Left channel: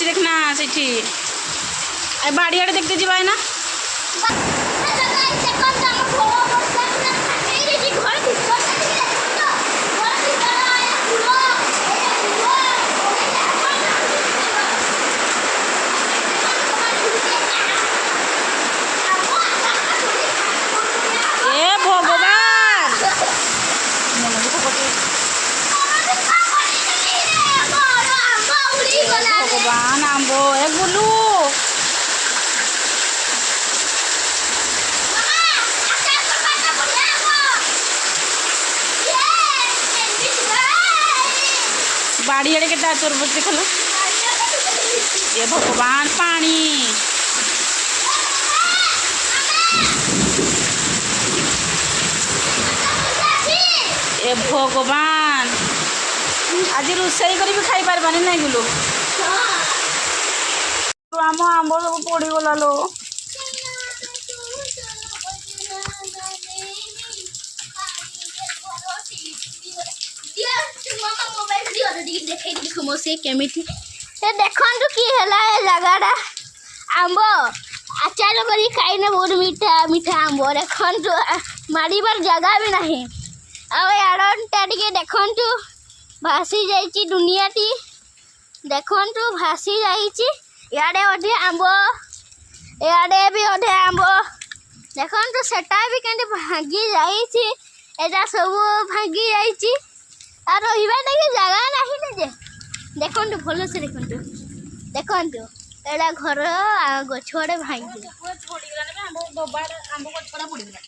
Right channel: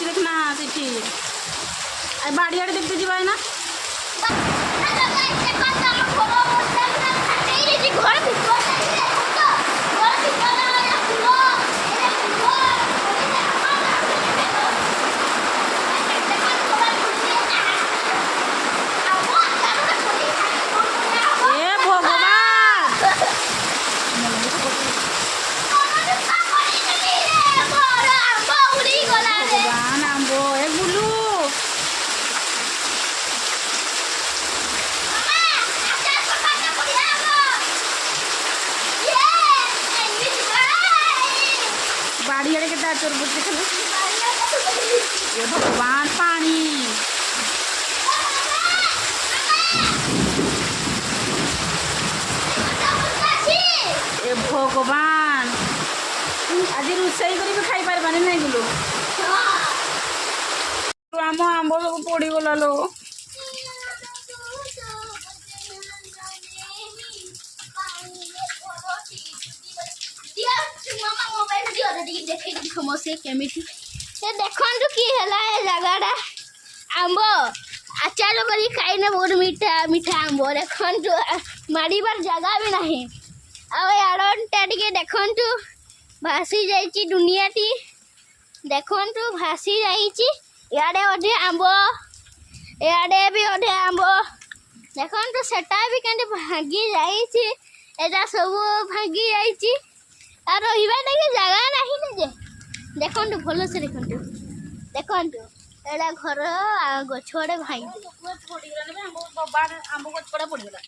होची देखना सेठी आई बाड़ी आड़े देखते जीवा है ना ए भगवान भगवान आंबो ए गुलू बाड़ी आड़े के चोर बच्चे खल ये भगवान पानी ए भगवान आज रोसई कर भी खाई पारबानी नहीं गुलू आम आंब सब पड़गला लो से केमिति से देखंतु की हला ए जगाडा आंबो आचार करी खाइने बहुत मीठा मीठा आंबो देखंतु मारिबार जगह भी नहीं आ याडनटा टिके देखंतु भासी जाइची दुनियाटी देखंतु भासी जाइची याडे अधे आंबो याडे भी अधे आंबो देखंतु सेटा भी केंदे भागी जाइची एटा सब भागी जाइची आ रहिबा के जगह नहीं ने जे देखंतु भलो से देखंतु देखंतु एडा घर गछड़े भाई आंब गछ पड़ा पड़ गला